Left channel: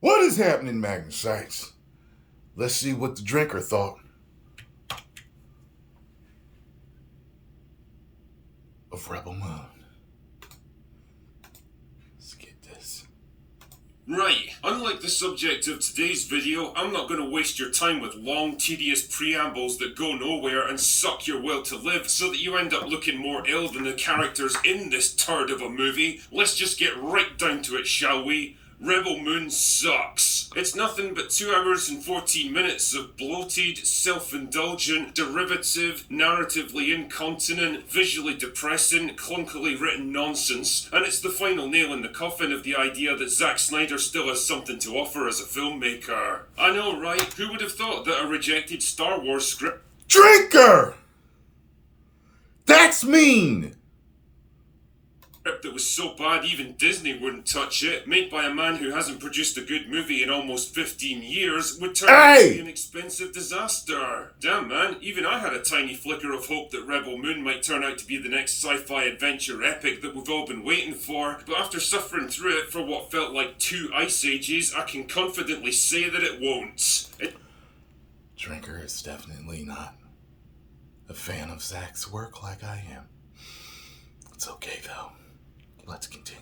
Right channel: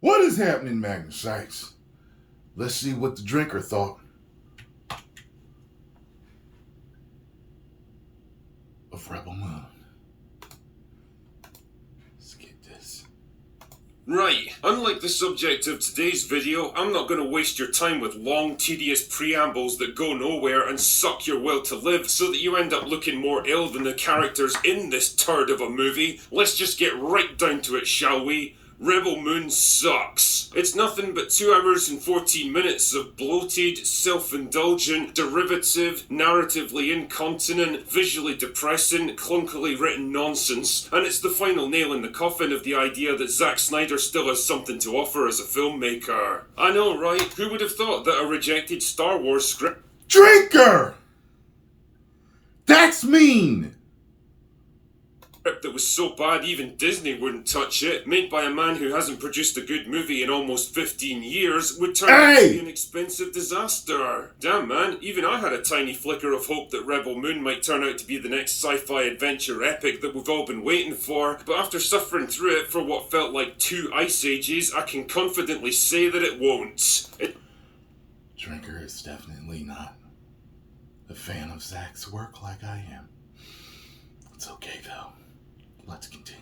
What is happening, Magnus? Let's see what the drinker thought of Rebel Moon. Let's get this. Right, unlike the subject of today's video, I'm not going to waste your time with long, tedious preambles that go nowhere and suck your will to live so that you end up looking more ill than the characters in this turd of a movie. Let's just get right down to it, shall we? Rebel Moon sucks. It's nothing but 2 hours and 14 minutes of bloated, self-indulgent, derivative, narratively incontinent, visually depressing, clunkily written nonsense, and it's the final nail in the coffin of the idea that Zack Snyder still has something to offer as a filmmaker. I know, right? Who would have thought that a rejected Star Wars script... Drinker! That's mean! That was so bad even Disney wouldn't touch it, made by a man who hasn't produced a good movie in almost 15 years, would turn out to be an expensive disaster. Damn man, even I had a tiny flicker of hope that Rebel Moon might turn out to be the next sci-fi adventure epic that we've all been waiting for, but after suffering through it for what felt like 2 ice ages, I can confidently say that it won't. Drinker is definitely not a fan of Zack's work like I am. It's okay though. Let's continue.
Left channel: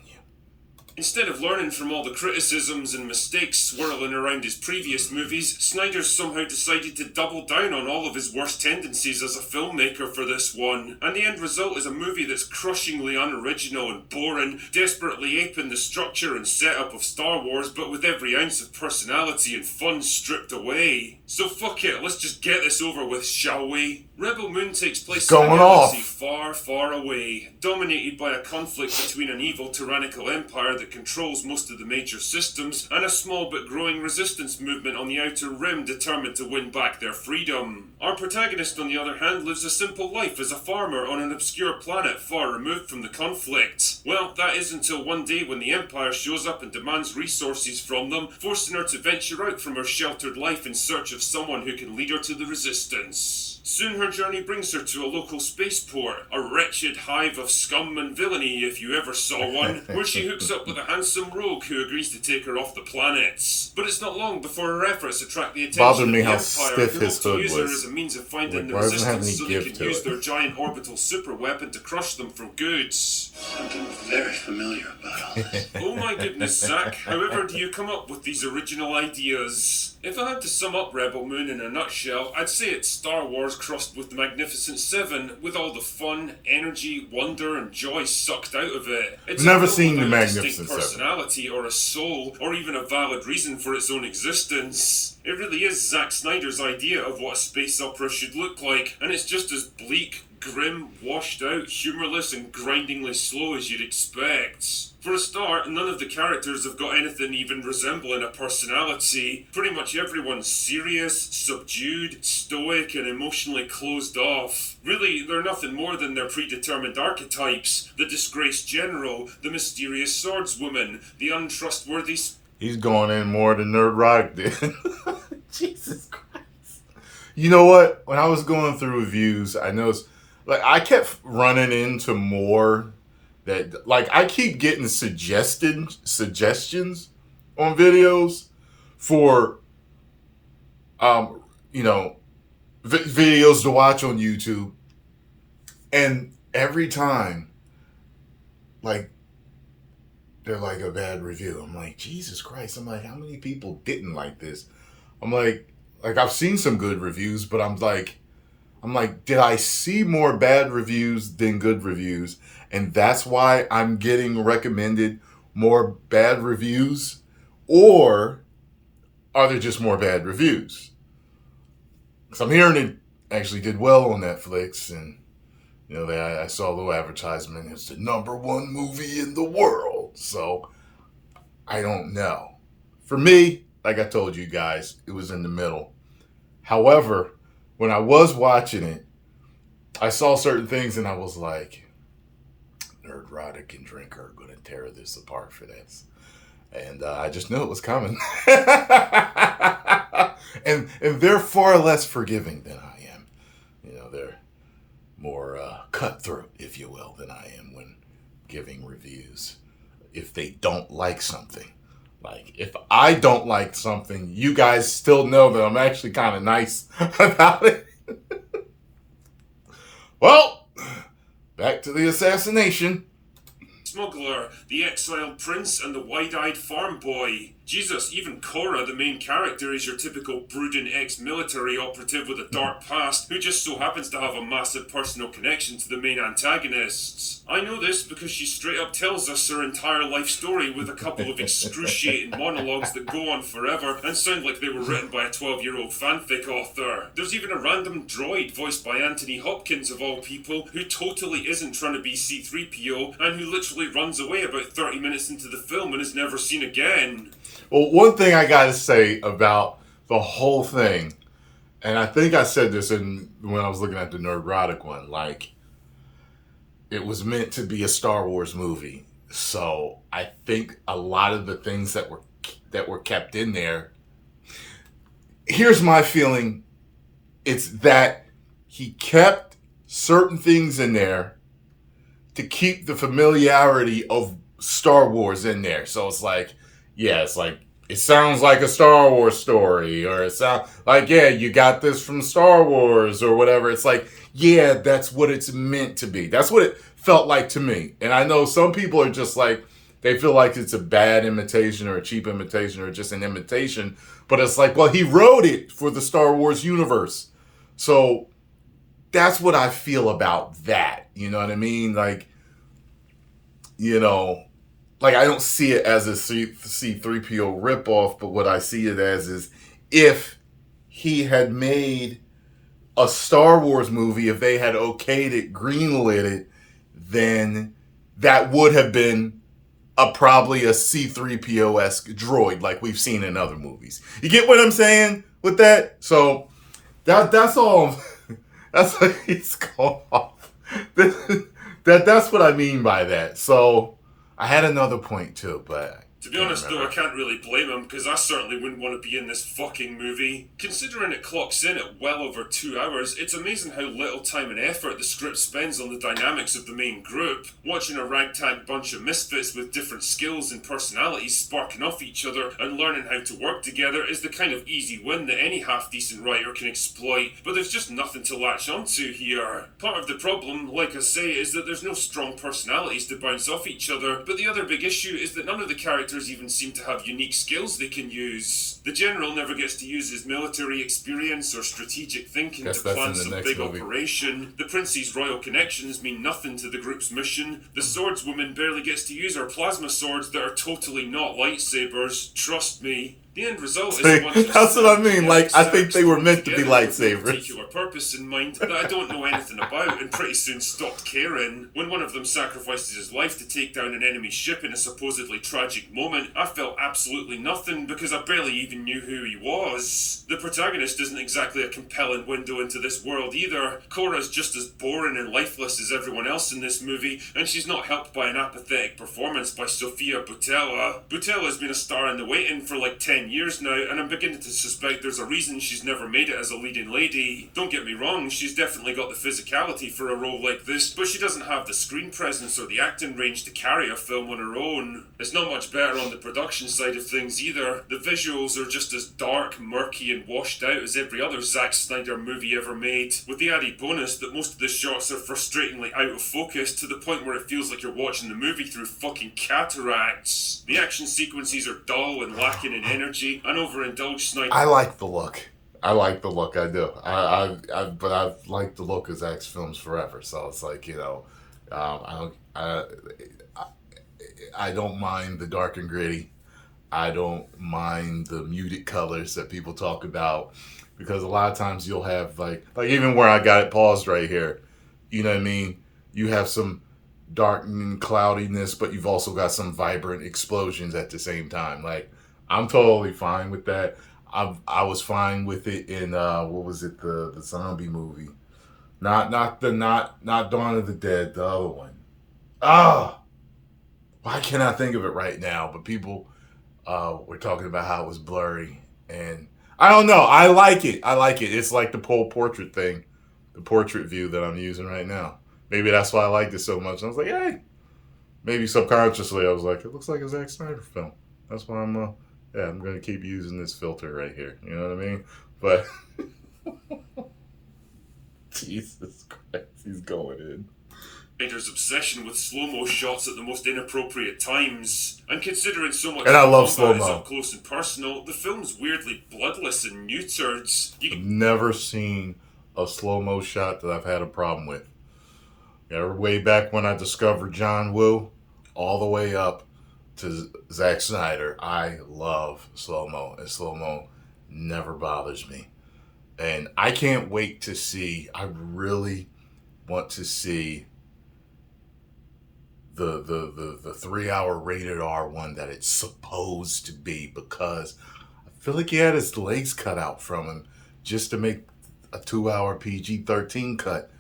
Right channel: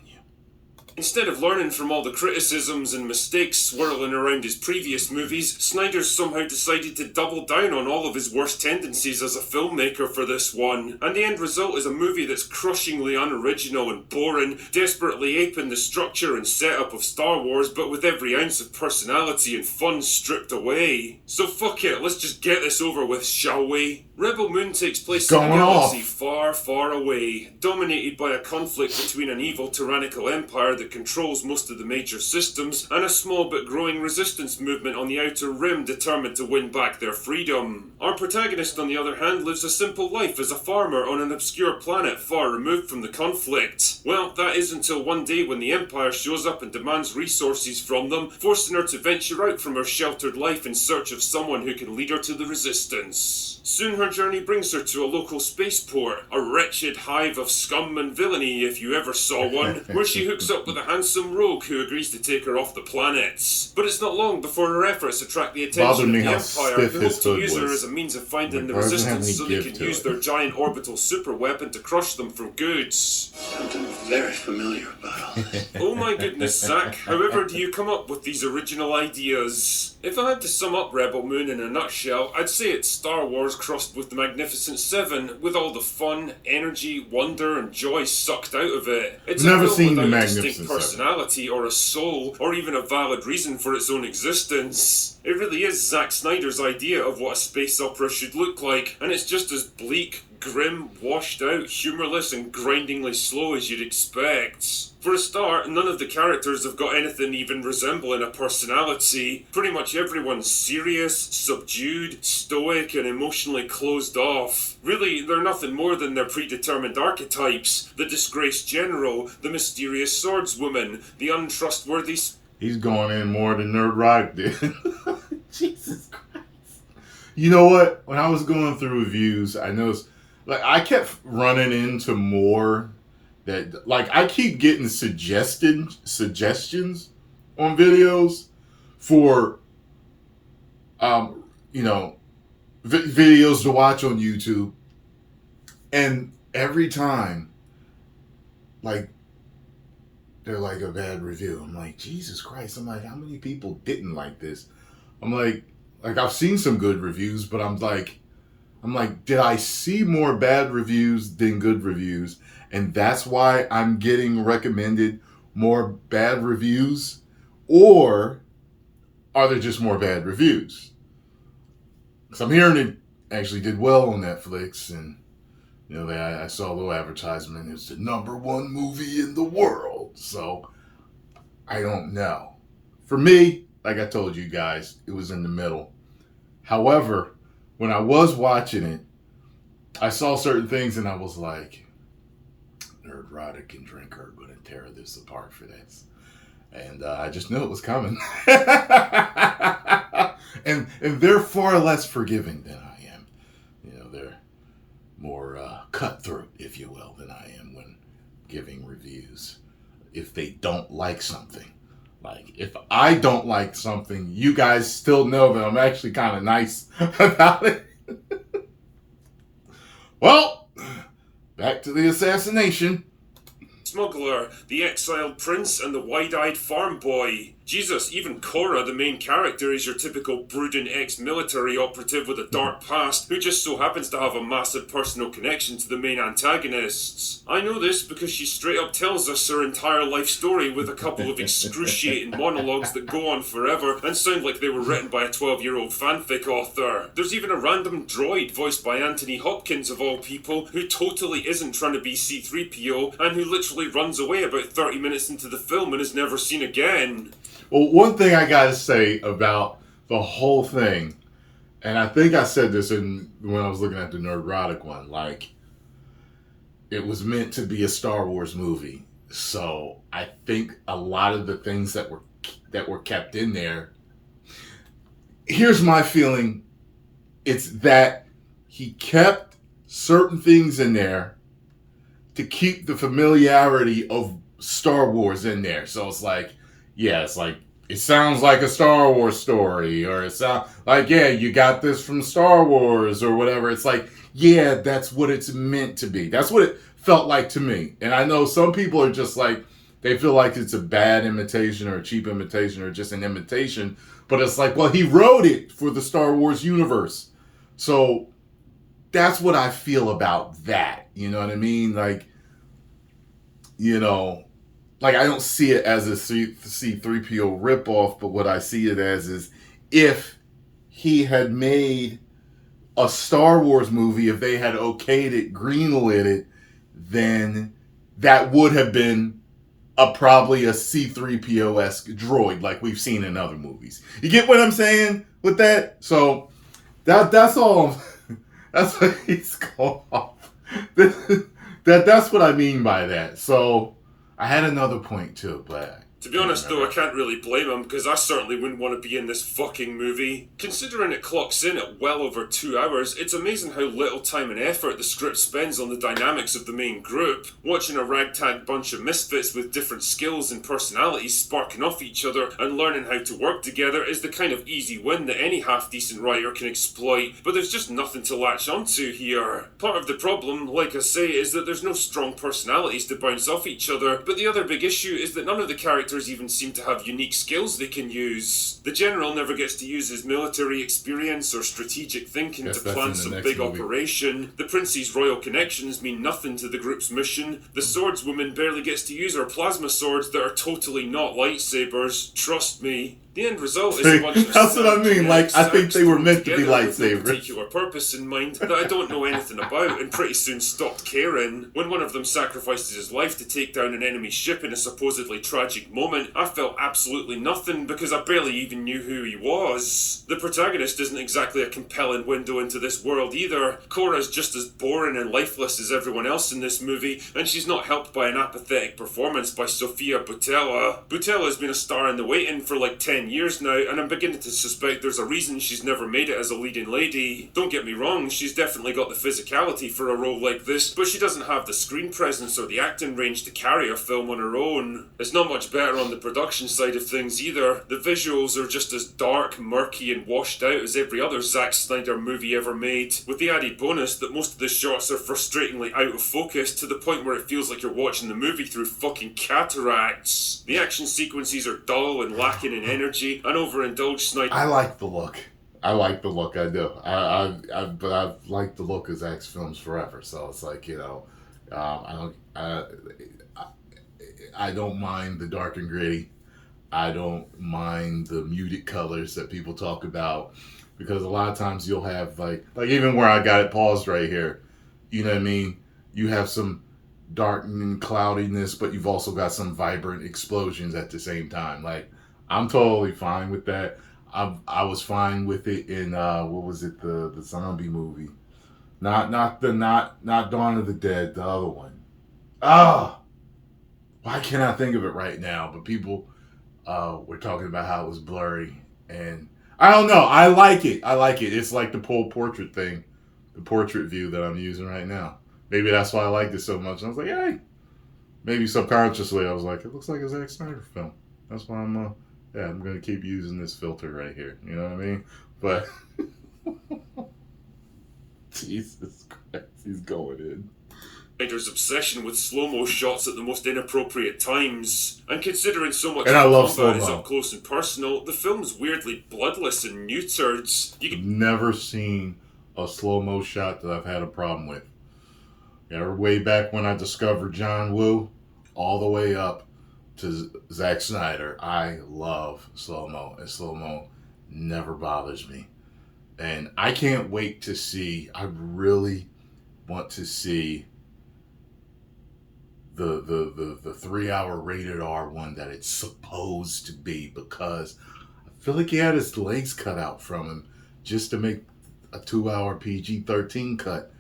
Instead of learning from all the criticisms and mistakes swirling around his previous movies, Snyder somehow decided to double down on all of his worst tendencies as a filmmaker for this one. And the end result is a movie that's crushingly unoriginal and boring, desperately aping the structure and setup of Star Wars, but with every ounce of personality and fun stripped away. So fuck it, let's just get this over with, shall we? Rebel Moon takes place in a galaxy far, far away, dominated by a conflict between an evil tyrannical empire that controls most of the major systems, and a small but growing resistance movement on the outer rim determined to win back their freedom. Our protagonist, on the other hand, lives a simple life as a farmer on an obscure planet far removed from the conflict. Well, that is until one day when the Empire shows up and demands resources from them, forcing her to venture out from her sheltered life in search of someone who can lead her to the resistance. Soon her journey brings her to a local spaceport, a wretched hive of scum and villainy if you ever saw one, where she hooks up with a handsome rogue who agrees to take her off the planet. But it's not long before her efforts attract the attention of the Empire, who hope to use her as a means of finding the resistance so they can use their giant orbital superweapon to crush them for good. Something very familiar about all this. Oh my goodness, Zack, however do you come up with these original ideas? If I had to sum up Rebel Moon in a nutshell, I'd say it's Star Wars crossed with the Magnificent Seven, with all the fun, energy, wonder, and joy sucked out of it. It's never a film seen the without a Magnificent distinct personality or a soul, or even a valid reason for its own existence. It really is Zack Snyder's idea of what a space opera should look like, and it's just as bleak, grim, washed out, humorless, and grindingly slow as you'd expect. For a start, none of the characters have got anything even resembling a personality. Pretty much everyone's serious, subdued, stoic, and emotionally closed off. Really, they're nothing more than their predetermined archetypes. The disgraced general, the mysterious swordswoman, the untrustworthy... He's going in more than Nerdrotic did. Jesus Christ. You know what? When I was going through reviews, I noticed, I kept running into more... that, I keep getting suggestions on videos for, videos to watch on YouTube. And every time, they're like a bad review. I'm like, Jesus Christ. I'm like, how many people didn't like this? I'm like, I've seen some good reviews, but I'm like, did I see more bad reviews than good reviews? And that's why I'm getting recommended more bad reviews? Or are there just more bad reviews? Because I'm hearing it actually did well on Netflix. And, I saw a little advertisement. It's the #1 movie in the world. So, I don't know. For me, like I told you guys, it was in the middle. However, when I was watching it, I saw certain things and I was like... Nerdrotic and Drinker are going to tear this apart for this. And I just knew it was coming. and they're far less forgiving than I am. They're more cutthroat, if you will, than I am when giving reviews. If they don't like something, Like, if I don't like something, you guys still know that I'm actually kind of nice about it. Well, back to the assassination. Smuggler, the exiled prince, and the wide-eyed farm boy. Jesus, even Cora, the main character, is your typical brooding ex-military operative with a dark past who just so happens to have a massive personal connection to the main antagonists. I know this because she straight up tells us her entire life story with a couple of excruciating monologues that go on forever and sound like they were written by a 12-year-old fanfic author. There's even a random droid voiced by Anthony Hopkins of all people who totally isn't trying to be C-3PO and who literally runs away about 30 minutes into the film and is never seen again. Well, one thing I gotta say about the whole thing, and I think I said this when I was looking at the Nerdrotic one, like, it was meant to be a Star Wars movie. So I think a lot of the things that were kept in there, here's my feeling, it's that he kept certain things in there to keep the familiarity of Star Wars in there. So it's like, yeah, it's like, it sounds like a Star Wars story, or it sounds like, yeah, you got this from Star Wars, or whatever. It's like, yeah, that's what it's meant to be. That's what it felt like to me. And I know some people are just like, they feel like it's a bad imitation or a cheap imitation or just an imitation. But it's like, well, he wrote it for the Star Wars universe. So that's what I feel about that. You know what I mean? Like, you know, like, I don't see it as a C-3PO ripoff, but what I see it as is, if he had made a Star Wars movie, if they had okayed it, greenlit it, then that would have been probably a C-3PO-esque droid like we've seen in other movies. You get what I'm saying with that? So that's all. That's what he's called. That's what I mean by that. So I had another point too, but to be honest though, I can't really blame him, because I certainly wouldn't want to be in this fucking movie. Considering it clocks in at well over 2 hours, it's amazing how little time and effort the script spends on the dynamics of the main group. Watching a ragtag bunch of misfits with different skills and personalities sparking off each other and learning how to work together is the kind of easy win that any half-decent writer can exploit, but there's just nothing to latch onto here. Part of the problem, like I say, is that there's no strong personalities to bounce off each other, but the other big issue is that none of the characters even seem to have unique skills they can use. The general never gets to use his military experience or strategic thinking to plan some big operation. The prince's royal connections mean nothing to the group's mission. The swordswoman barely gets to use her plasma swords that are totally not lightsabers. Trust me. The end result is a bunch of that's what I mean. Like, I think they were meant to be lightsabers. With a particular purpose in mind that I don't know anything about, and pretty soon stopped caring. When one of them sacrifices his life to take down an enemy ship in a supposedly tragic moment, I felt absolutely nothing because I barely even knew who he was. The protagonist isn't exactly a compelling window into this world either. Cora's just as boring and lifeless as everyone else in this movie, and she's not helped by an apathetic performance by Sofia Boutella. Boutella's been a star in the waiting for like 10 years now, and I'm beginning to suspect there's a reason she's never made it as a leading lady. Don't get me wrong, she's definitely got the physicality for a role like this, but she doesn't have the screen presence or the acting range to carry a film on her own. It's not much better on the production side of things either. The visuals are just as dark, murky, and washed out as every other Zack Snyder movie ever made, with the added bonus that most of the shots are frustratingly out of focus to the point where it feels like you're watching the movie through fucking cataracts. The action sequences are dull and lacking in energy, and overindulged Snyder. I like the look. I do. But I've liked the look of Zack's films forever. So it's like, you know, I don't mind the dark and gritty. I don't mind the muted colors that people talk about, because a lot of times you'll have like even where I got it paused right here, you know what I mean? You have some dark and cloudiness, but you've also got some vibrant explosions at the same time. Like, I'm totally fine with that. I was fine with it in what was it, the zombie movie, not Dawn of the Dead, the other one. Why can't I think of it right now? But people were talking about how it was blurry, and I don't know. I like it. It's like the pole portrait thing, the portrait view that I'm using right now. Maybe that's why I liked it so much. I was like, hey, maybe subconsciously I was like, it looks like a Zack Snyder film. That's why I'm gonna keep using this filter right here. You know what I mean? But Jesus Christ, he's going in. Snyder's obsession with slow-mo shots at the most inappropriate times. And considering so much And I of the love combat is slow-mo. up close and personal, the film's weirdly bloodless and neutered. I've never seen a slow-mo shot that I've had a problem with. Way back when I discovered John Woo, all the way up to Zack Snyder, I love slow-mo, and slow-mo never bothers me. And I can't wait to see, I really want to see the 3-hour rated R one that it's supposed to be, because I feel like he had his legs cut out from him just to make a 2-hour PG-13 cut.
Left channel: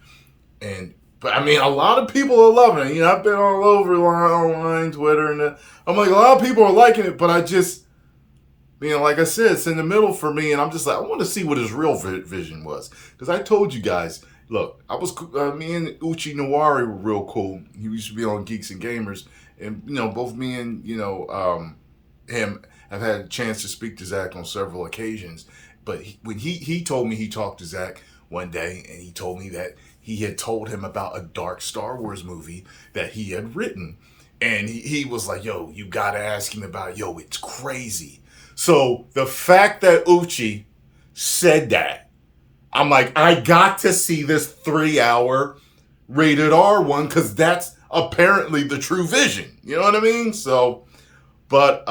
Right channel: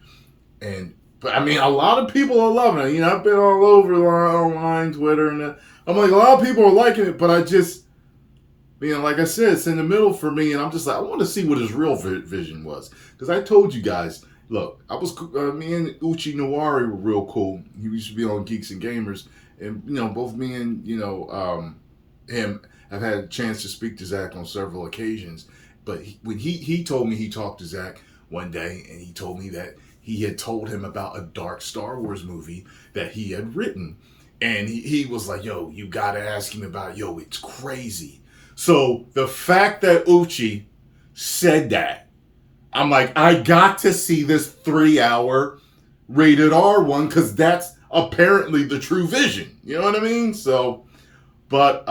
But I mean, a lot of people are loving it. You know, I've been all over online, Twitter, and I'm like, a lot of people are liking it, but I just, like I said, it's in the middle for me, and I'm just like, I want to see what his real vision was. Because I told you guys, look, me and Uchi Nawari were real cool. He used to be on Geeks and Gamers, and, both me and, him have had a chance to speak to Zach on several occasions. But when he told me he talked to Zach one day, and he told me that he had told him about a dark Star Wars movie that he had written. And he was like, yo, you got to ask him about it. Yo, it's crazy. So the fact that Uchi said that, I'm like, I got to see this 3-hour rated R one, because that's apparently the true vision. You know what I mean? So, but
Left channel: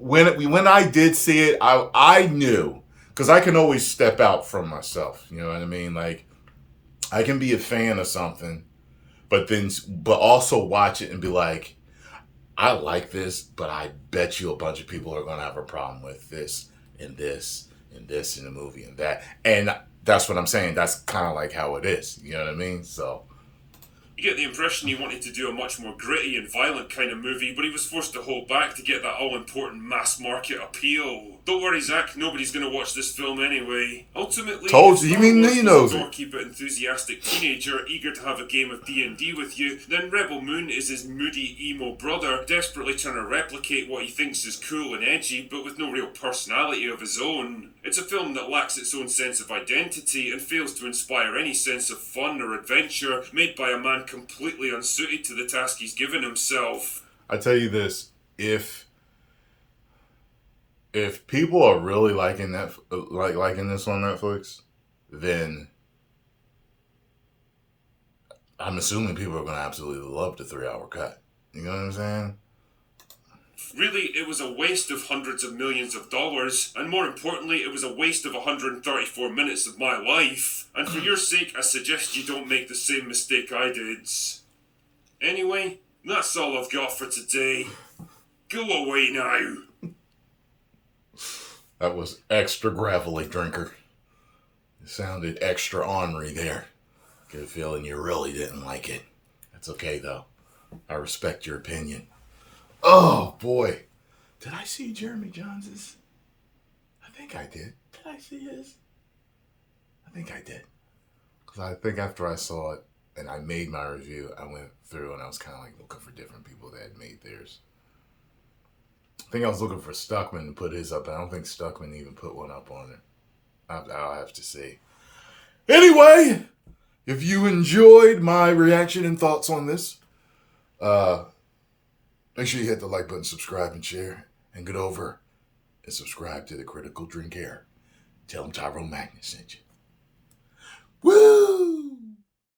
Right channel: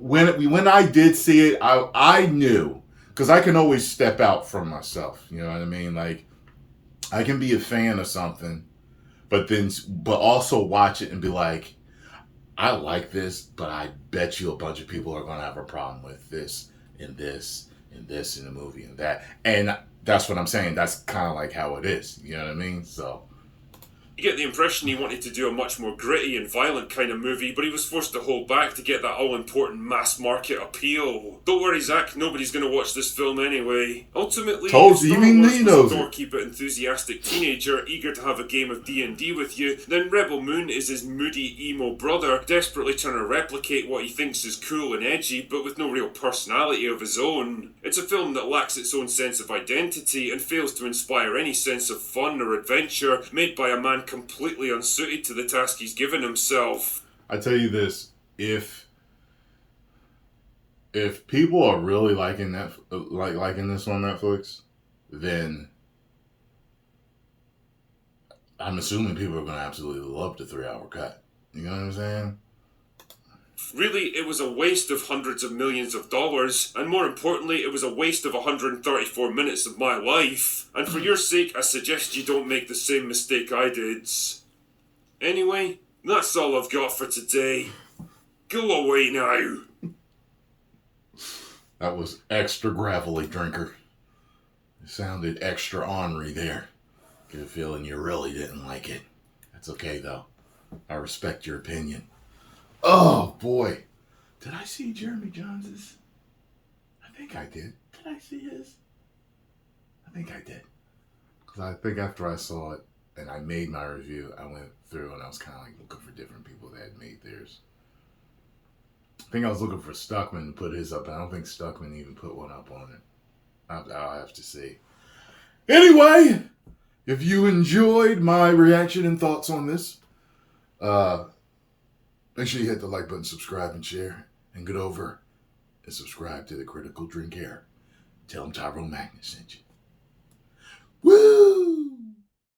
when I did see it, I knew, because I can always step out from myself. You know what I mean? Like, I can be a fan of something, but also watch it and be like, I like this, but I bet you a bunch of people are going to have a problem with this and this and this in the movie and that. And that's what I'm saying. That's kind of like how it is. You know what I mean? So You get the impression he wanted to do a much more gritty and violent kind of movie, but he was forced to hold back to get that all-important mass market appeal. Don't worry, Zach, nobody's going to watch this film anyway. Ultimately, told you, if Star even Wars he was knows a it. doorkeep enthusiastic teenager eager to have a game of D&D with you, then Rebel Moon is his moody, emo brother, desperately trying to replicate what he thinks is cool and edgy, but with no real personality of his own. It's a film that lacks its own sense of identity and fails to inspire any sense of fun or adventure made by a man completely unsuited to the task he's given himself. I tell you this, if people are really liking that, liking this on Netflix, then I'm assuming people are going to absolutely love the 3-hour cut. You know what I'm saying? Really, it was a waste of hundreds of millions of dollars, and more importantly, it was a waste of 134 minutes of my life. And for your sake, I suggest you don't make the same mistake I did. Anyway, that's all I've got for today. Go away now. That was extra gravelly, drinker. It sounded extra ornery there. Get a feeling you really didn't like it. That's okay, though. I respect your opinion. Oh, boy. Did I see Jeremy Jones's? I think I did. Did I see his? I think I did. Because I think after I saw it and I made my review, I went through and I was kind of like looking for different people that had made theirs. I think I was looking for Stuckman to put his up. I don't think Stuckman even put one up on it. I'll have to see. Anyway, if you enjoyed my reaction and thoughts on this, make sure you hit the like button, subscribe, and share. And get over and subscribe to the Critical Drink Air. Tell them Tyrone Magnus sent you.